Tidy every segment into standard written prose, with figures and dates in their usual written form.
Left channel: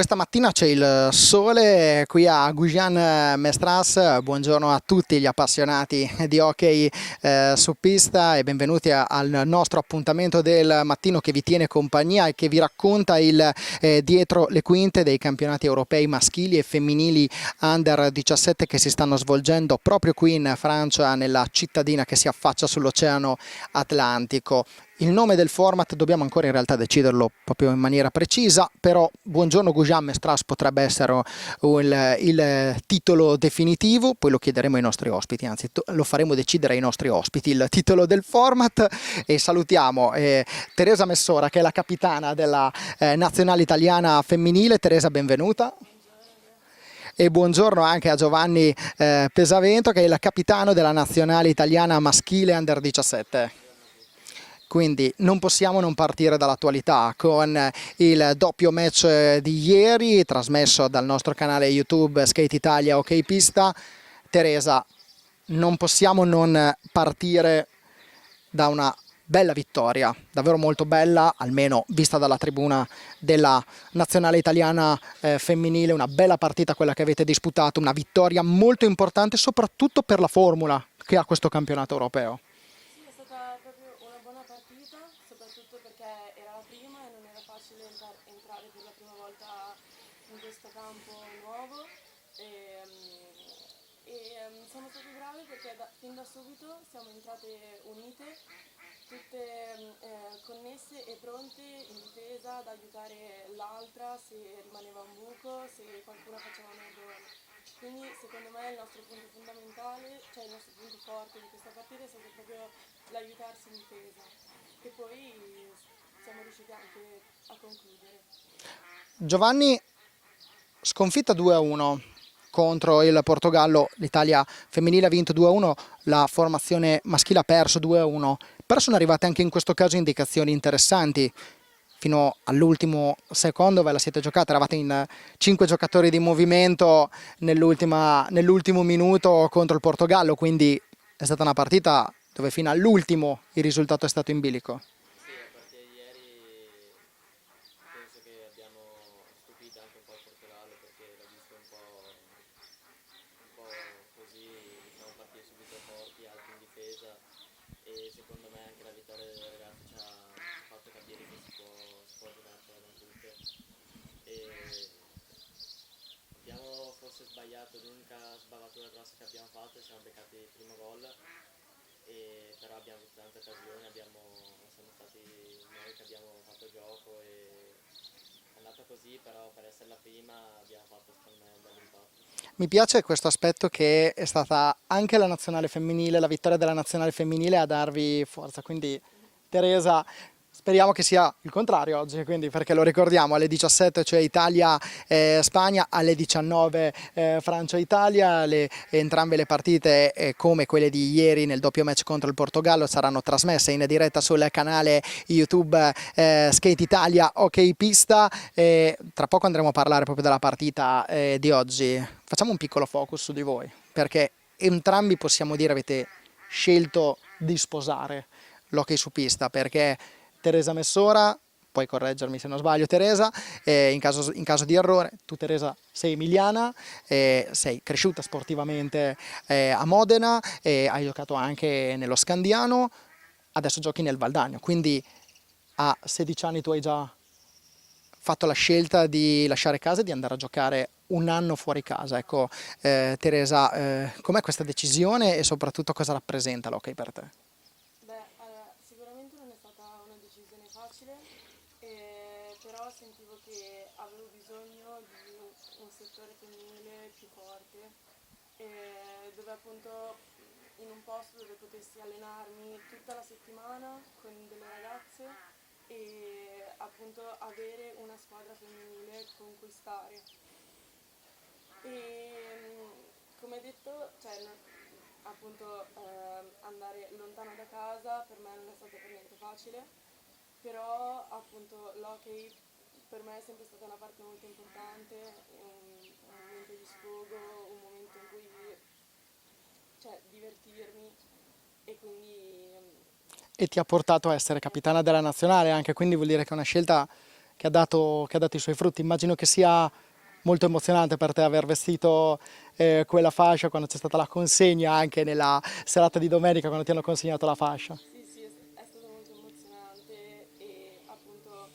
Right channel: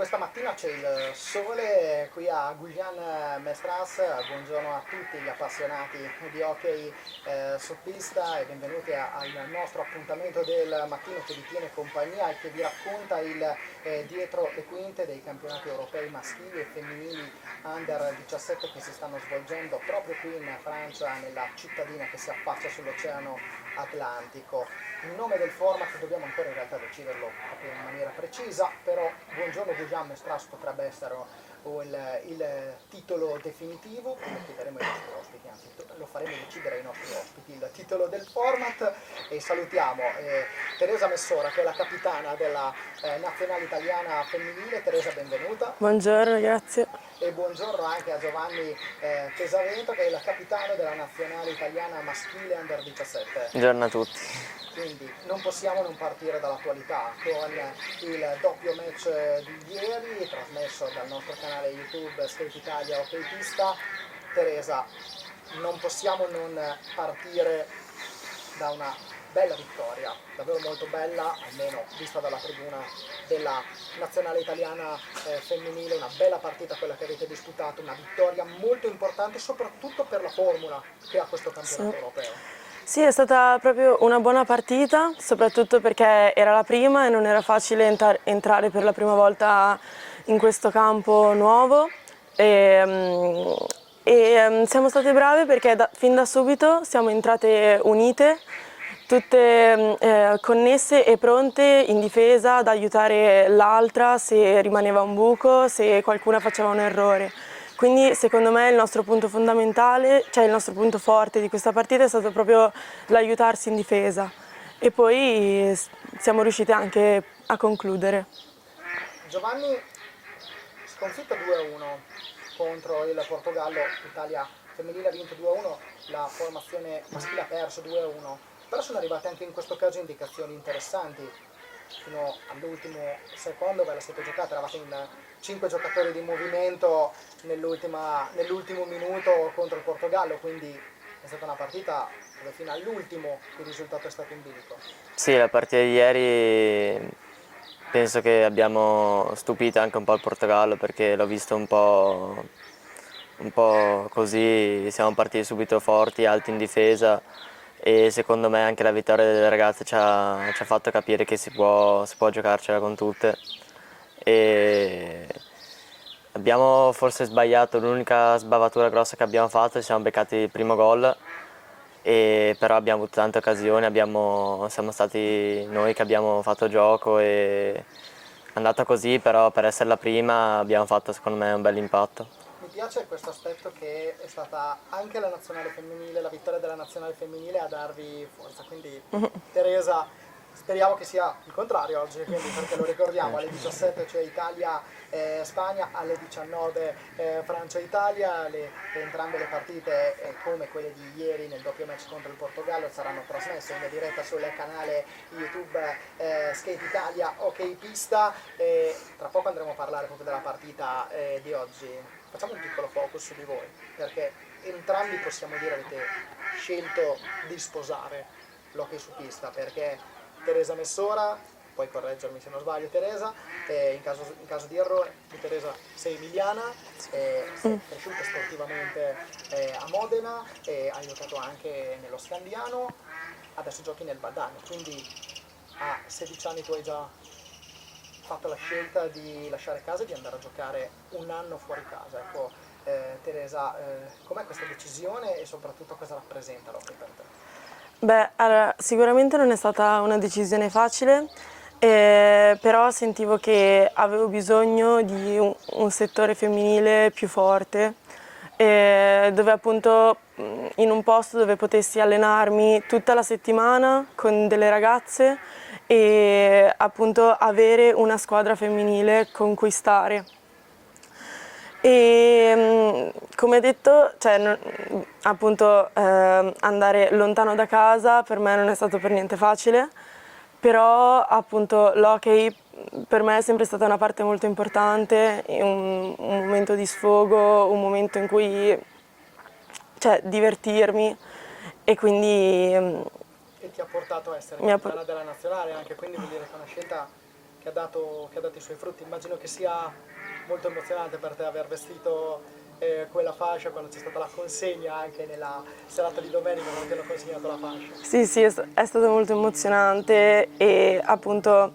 Questa mattina c'è il sole qui a Gujan-Mestras. Buongiorno a tutti gli appassionati di hockey su pista e benvenuti al nostro appuntamento del mattino che vi tiene compagnia e che vi racconta il dietro le quinte dei campionati europei maschili e femminili under 17 che si stanno svolgendo proprio qui in Francia, nella cittadina che si affaccia sull'Oceano Atlantico. Il nome del format dobbiamo ancora in realtà deciderlo proprio in maniera precisa, però Buongiorno Gujan-Mestras potrebbe essere il titolo definitivo, poi lo chiederemo ai nostri ospiti, anzi lo faremo decidere ai nostri ospiti il titolo del format. E salutiamo Teresa Messora, che è la capitana della nazionale italiana femminile. Teresa, benvenuta. Buongiorno, grazie. E buongiorno anche a Giovanni Pesavento, che è il capitano della nazionale italiana maschile under 17. Buongiorno a tutti. Quindi non possiamo non partire dall'attualità con il doppio match di ieri trasmesso dal nostro canale YouTube Skate Italia OK Pista. Teresa, non possiamo non partire da una bella vittoria, davvero molto bella, almeno vista dalla tribuna della nazionale italiana femminile. Una bella partita quella che avete disputato, una vittoria molto importante soprattutto per la formula che ha questo campionato europeo. Sì, è stata proprio una buona partita, soprattutto perché era la prima e non era facile entrare per la prima volta in questo campo nuovo. Siamo state brave perché fin da subito siamo entrate unite, tutte connesse e pronte in difesa ad aiutare l'altra se rimaneva un buco, se qualcuna faceva un errore. Quindi secondo me il nostro punto fondamentale, cioè il nostro punto forte di questa partita è stato proprio l'aiutarsi in difesa e poi siamo riusciti anche a concludere. Giovanni, sconfitta 2-1 contro il Portogallo, l'Italia femminile ha vinto 2-1, la formazione maschile ha perso 2-1, però sono arrivate anche in questo caso indicazioni interessanti. Fino all'ultimo secondo ve la siete giocata, eravate in 5 giocatori di movimento nell'ultimo minuto contro il Portogallo, quindi è stata una partita dove fino all'ultimo il risultato è stato in bilico. Sì, la partita di ieri penso che abbiamo stupito anche un po' il Portogallo, perché l'ho visto un po' così, siamo partiti subito forti, alti in difesa. E secondo me anche la vittoria delle ragazze ci ha fatto capire che si può giocarcela con tutte. E abbiamo forse sbagliato, l'unica sbavatura grossa che abbiamo fatto, ci siamo beccati il primo gol, però abbiamo avuto tante occasioni, siamo stati noi che abbiamo fatto gioco e è andata così, però per essere la prima abbiamo fatto secondo me un bel impatto. Mi piace questo aspetto che è stata anche la nazionale femminile, la vittoria della nazionale femminile a darvi forza, quindi Teresa, speriamo che sia il contrario oggi, quindi, perché lo ricordiamo alle 17 cioè Italia-Spagna, alle 19 Francia-Italia, entrambe le partite come quelle di ieri nel doppio match contro il Portogallo saranno trasmesse in diretta sul canale YouTube Skate Italia OK Pista. Tra poco andremo a parlare proprio della partita di oggi. Facciamo un piccolo focus su di voi, perché entrambi possiamo dire avete scelto di sposare l'hockey su pista, perché Teresa Messora, puoi correggermi se non sbaglio Teresa, in caso di errore, tu Teresa sei emiliana, sei cresciuta sportivamente a Modena, hai giocato anche nello Scandiano, adesso giochi nel Valdagno, quindi a 16 anni tu hai già fatto la scelta di lasciare casa e di andare a giocare un anno fuori casa. Ecco, Teresa, com'è questa decisione e soprattutto cosa rappresenta l'hockey per te? Beh, allora, sicuramente non è stata una decisione facile, però sentivo che avevo bisogno di un settore femminile più forte, dove appunto in un posto dove potessi allenarmi tutta la settimana con delle ragazze e appunto avere una squadra femminile con cui stare. E come detto, cioè, appunto andare lontano da casa per me non è stato per niente facile, però appunto l'hockey per me è sempre stata una parte molto importante, un momento di sfogo, un momento in cui divertirmi e quindi E ti ha portato a essere capitana della nazionale anche, quindi vuol dire che è una scelta che ha dato i suoi frutti. Immagino che sia molto emozionante per te aver vestito quella fascia quando c'è stata la consegna anche nella serata di domenica quando ti hanno consegnato la fascia. Sì, sì, è stato molto emozionante e appunto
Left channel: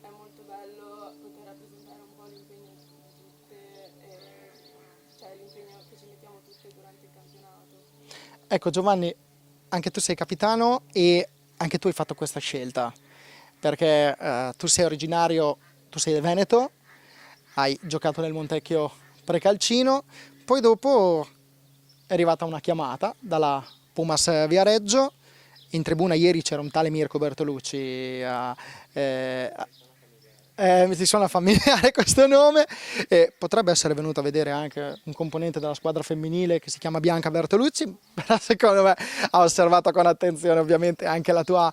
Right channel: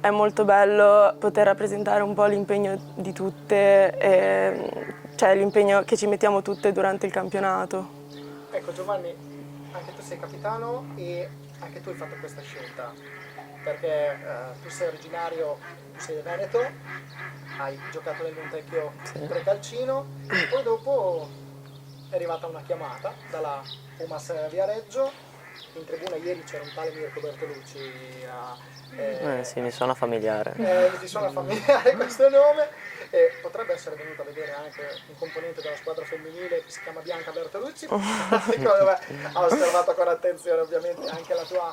è molto bello poter rappresentare un po' l'impegno di tutte, cioè l'impegno che ci mettiamo tutte durante il campionato. Ecco Giovanni, anche tu sei capitano e anche tu hai fatto questa scelta, perché tu sei originario, tu sei veneto, hai giocato nel Montecchio Precalcino, poi dopo è arrivata una chiamata dalla Pumas Viareggio, in tribuna ieri c'era un tale Mirko Bertolucci Sì, mi suona familiare. ti suona familiare questo nome, potrebbe essere venuto a vedere anche un componente della squadra femminile che si chiama Bianca Bertolucci, secondo me ha osservato con attenzione ovviamente anche la tua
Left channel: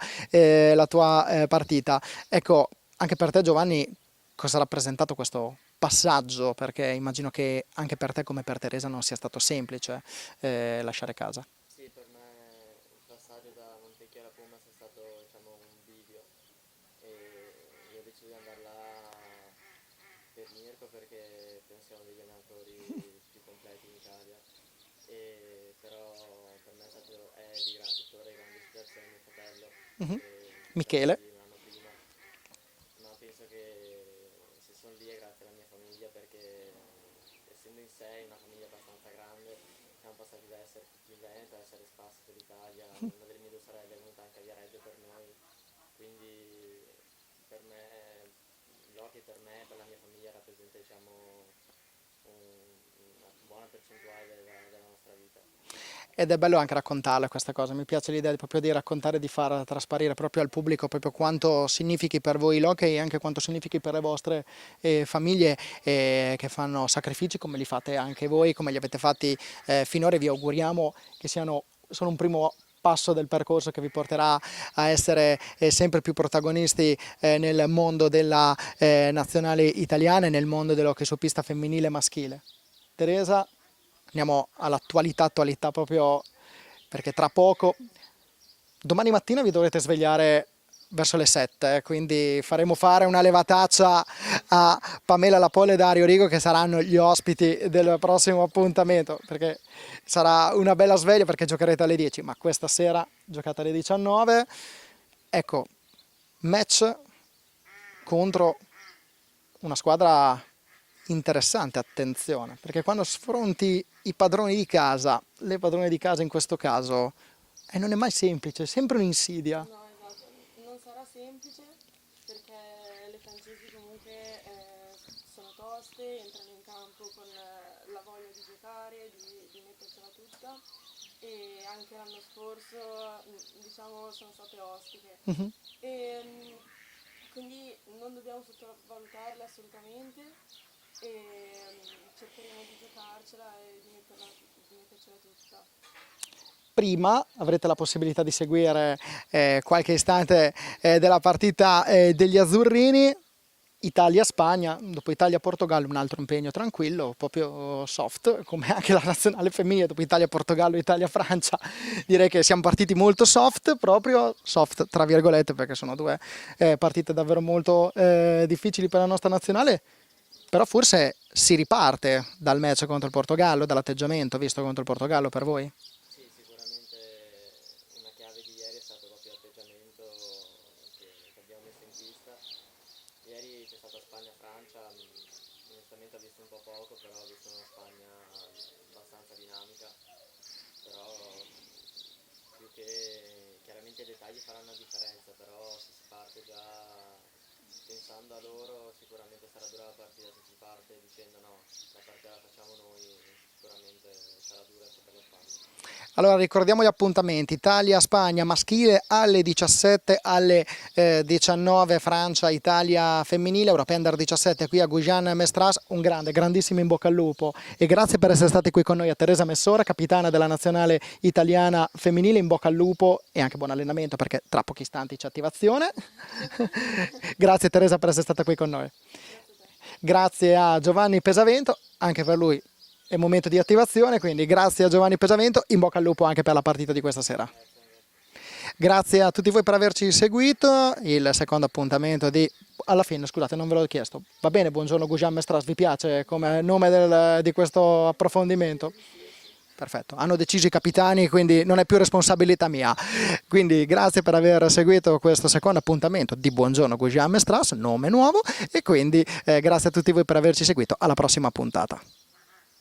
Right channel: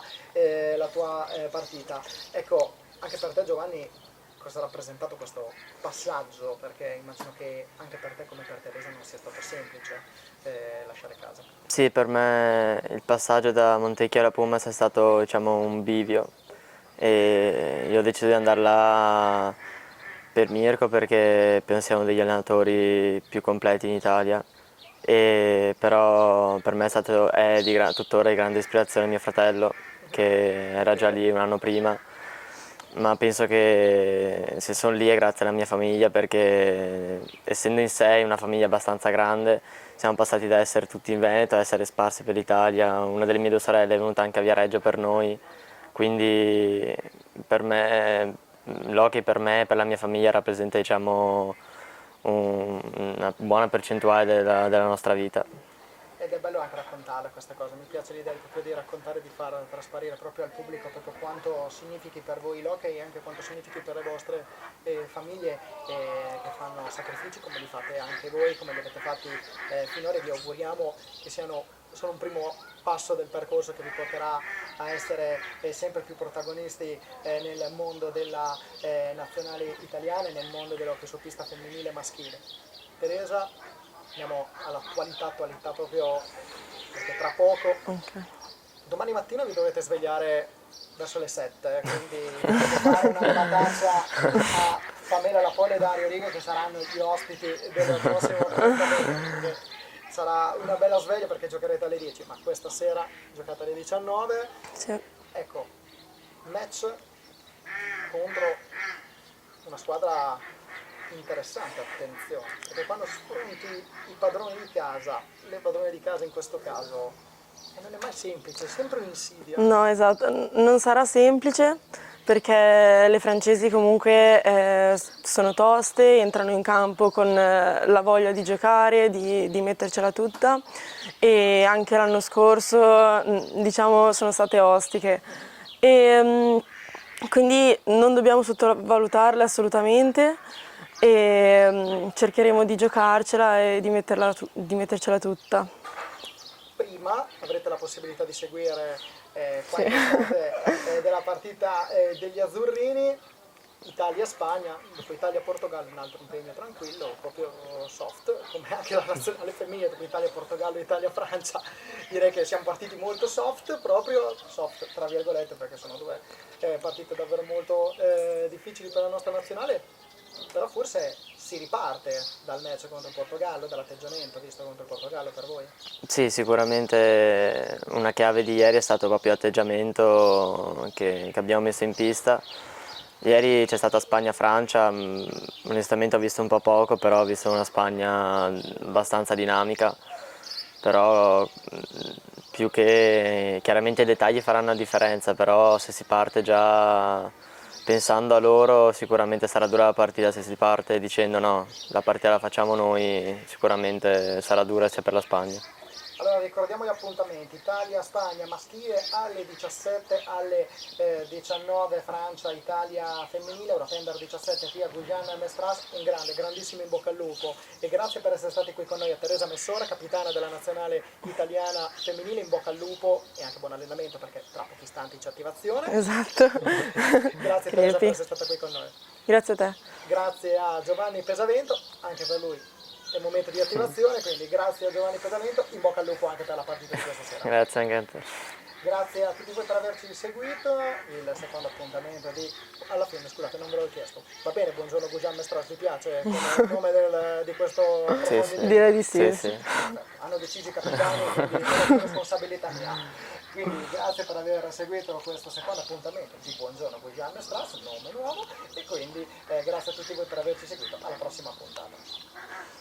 partita. Ecco, anche per te Giovanni, cosa ha rappresentato questo passaggio? Perché immagino che anche per te come per Teresa non sia stato semplice lasciare casa. Sì, per me il passaggio da Montecchio alla Pumas è stato, diciamo, un bivio e io ho deciso di andare là per Mirko perché penso sia uno degli allenatori più completi in Italia, però per me è tuttora di grande ispirazione mio fratello che era già lì un anno prima, ma penso che se sono lì è grazie alla mia famiglia perché essendo in sé una famiglia abbastanza grande siamo passati da essere tutti in Veneto a essere sparsi per l'Italia. Una delle mie due sorelle è venuta anche a Viareggio per noi, quindi per me l'hockey per me e per la mia famiglia rappresenta, diciamo, una buona percentuale della nostra vita. Ed è bello anche raccontarle questa cosa, mi piace l'idea proprio di raccontare, di far trasparire proprio al pubblico proprio quanto significhi per voi l'hockey e anche quanto significhi per le vostre famiglie che fanno sacrifici come li fate anche voi, come li avete fatti finora, e vi auguriamo che siano solo un primo passo del percorso che vi porterà a essere sempre più protagonisti nel mondo della nazionale italiana e nel mondo dell'hockey su pista femminile e maschile. Teresa, andiamo all'attualità proprio perché tra poco, domani mattina vi dovrete svegliare verso le 7, quindi faremo fare una levataccia a Pamela Lapoli e Dario Rigo che saranno gli ospiti del prossimo appuntamento, perché sarà una bella sveglia perché giocherete alle 10, ma questa sera giocate alle 19. Sì. Ecco, match contro una squadra interessante, attenzione, perché quando sfronti i padroni di casa, le padrone di casa in questo caso, non è mai semplice, è sempre un'insidia. No, esatto, non sarà semplice perché le francesi comunque sono toste, entrano in campo con la voglia di giocare, di mettercela tutta e anche l'anno scorso diciamo sono state ostiche. Quindi non dobbiamo sottovalutarle assolutamente e cercheremo di giocarcela e di mettercela tutta. Prima avrete la possibilità di seguire qualche istante della partita degli azzurrini. Italia-Spagna, dopo Italia-Portogallo un altro impegno tranquillo, proprio soft, come anche la nazionale femminile, dopo Italia-Portogallo, Italia-Francia, direi che siamo partiti molto soft, proprio soft tra virgolette, perché sono due partite davvero molto difficili per la nostra nazionale, però forse si riparte dal match contro il Portogallo, dall'atteggiamento visto contro il Portogallo per voi? Sì, sicuramente una chiave di ieri è stato proprio l'atteggiamento che abbiamo messo in pista. Ieri c'è stata Spagna-Francia, onestamente ho visto un po' poco, però ho visto una Spagna abbastanza dinamica, però più che chiaramente i dettagli faranno la differenza, però se si parte già pensando a loro sicuramente sarà dura la partita, se si parte dicendo no, la partita la facciamo noi sicuramente sarà dura sia per la Spagna. Allora ricordiamo gli appuntamenti: Italia-Spagna maschile alle 17, alle 19 Francia-Italia femminile, European Under 17 qui a Gujan-Mestras. Un grandissimo in bocca al lupo e grazie per essere stati qui con noi a Teresa Messora, capitana della nazionale italiana femminile. In bocca al lupo e anche buon allenamento perché tra pochi istanti c'è attivazione. Esatto. Grazie Teresa per essere stata qui con noi. Grazie a te. Grazie a Giovanni Pesavento, anche per lui è momento di attivazione, quindi grazie a Giovanni Pesavento, in bocca al lupo anche per la partita di questa sera. Grazie anche a te. Grazie a tutti voi per averci seguito. Il secondo appuntamento alla fine, scusate, non ve l'ho chiesto. Va bene, buongiorno Gujan Mestras, vi piace come nome di questo approfondimento? Direi di sì. Sì. Perfetto, hanno deciso i capitani, quindi non è più responsabilità mia. Quindi grazie per aver seguito questo secondo appuntamento di Buongiorno Gujan Mestras, nome nuovo, e quindi grazie a tutti voi per averci seguito. Alla prossima puntata.